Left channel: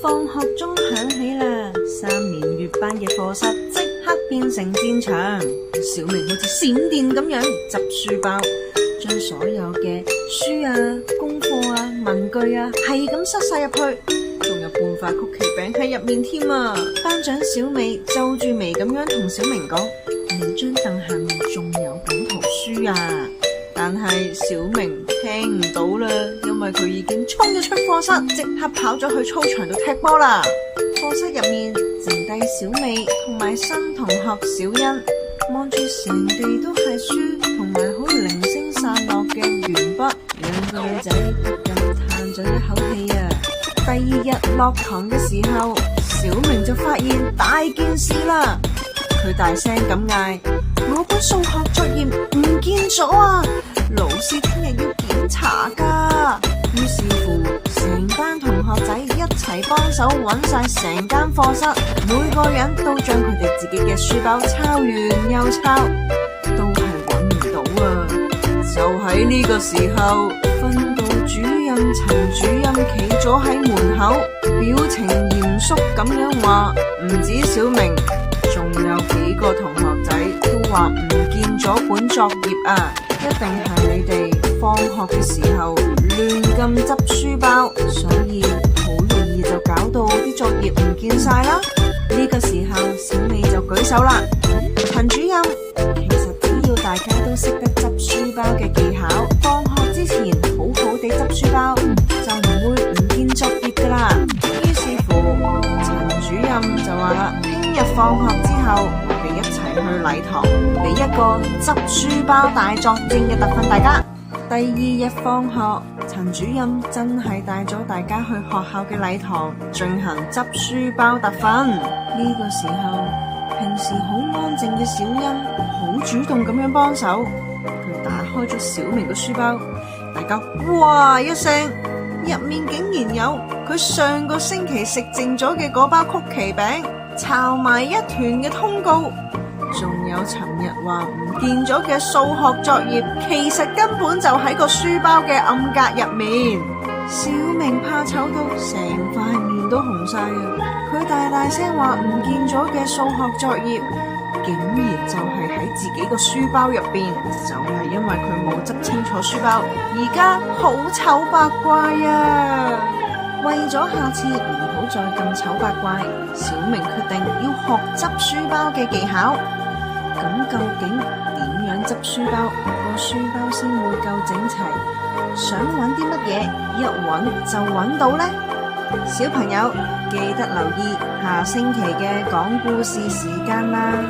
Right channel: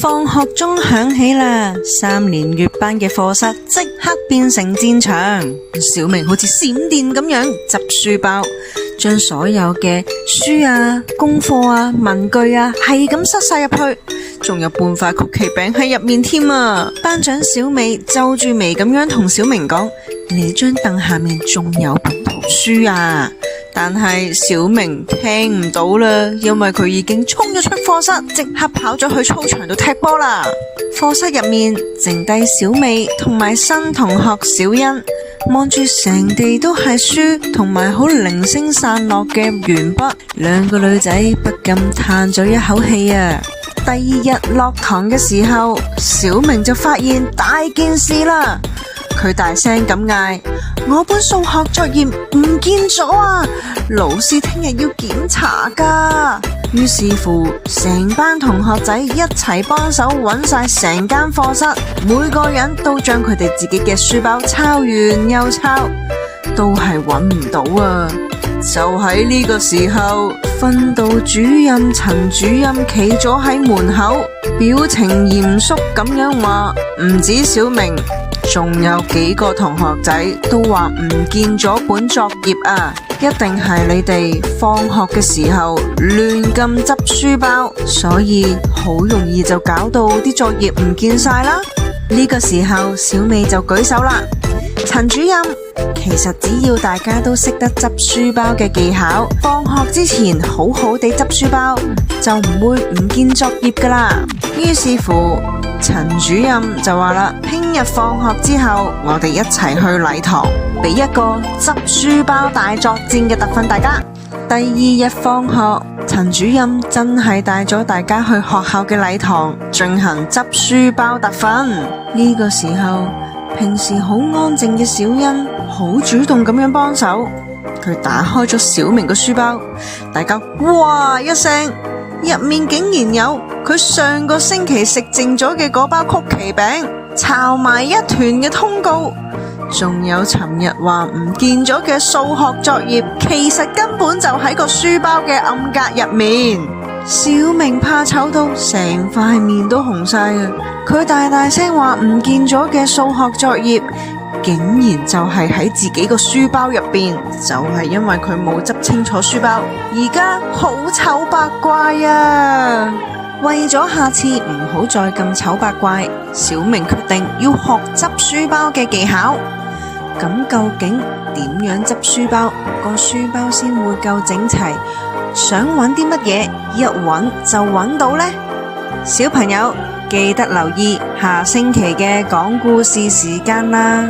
放學鐘響起啦，3年乙班嘅課室即刻變成戰場。小明好似閃電咁樣執書包，將所有嘅書啊、功課啊、文具啊係咁塞晒入去，仲有半塊曲奇餅喺入面添啊！班長小美皺住眉咁樣同小明講：你張凳下面仲有本圖書啊！但係小明聽唔到啦，因為佢已經衝咗出課室，即刻跑咗去操場度踢波啦。課室入面剩低小美同埋新同學小欣，望住成地都係書同埋好零星散落嘅鉛筆，兩個女仔不禁嘆咗一口氣啊！第二日落堂嘅時候，小明就發現大件事啦。佢大聲咁嗌：我本數學作業唔見咗啊！老師聽日要檢查噶。於是乎，成班同學仔一齊幫手揾晒成間課室，每個人都將佢哋自己嘅書包抄完又抄，都係揾唔到啊！就喺呢個時候，訓導主任陳主任企咗喺門口，表情嚴肅咁樣話：唔止小明，仲有幾個同學仔都話唔見咗本作業啊！一定係你哋放學嘅時候亂咁執書包，所以好容易就搞到啲作業唔見晒啦。呢個時候，小美就舉手啦：陳主任，其實只要大家都識得執書包嘅技巧，放學之前好好地執書包，就唔會唔見作業噶啦。於是乎，陳主任就話啦：聽日放學之後，我哋一齊去禮堂，俾一個執書包大作戰嘅特訓大家。第二日放學，陳主任真係帶咗大家去學校嘅禮堂進行執書包特訓。呢個時候，平時好安靜嘅小欣好主動咁樣幫手，佢打開咗小明嘅書包，大家哇一聲，入面竟然有佢上個星期食剩咗嘅嗰包曲奇餅，抄埋一團嘅通告，仲有尋日話唔見咗嘅數學作業，其實根本就喺個書包嘅暗格入面。小明怕醜到成塊面都紅晒啊！佢大聲話唔見咗嘅數學作業，竟然就係喺自己個書包入邊，就係因為佢冇執清楚書包，而家好醜八怪啊！為咗下次唔好再咁醜八怪，小明決定要學執書包嘅技巧。咁究竟點樣執書包，個書包先會夠整齊？想揾啲乜嘢，一揾就揾到呢？小朋友記得留意下星期嘅講故事時間啦！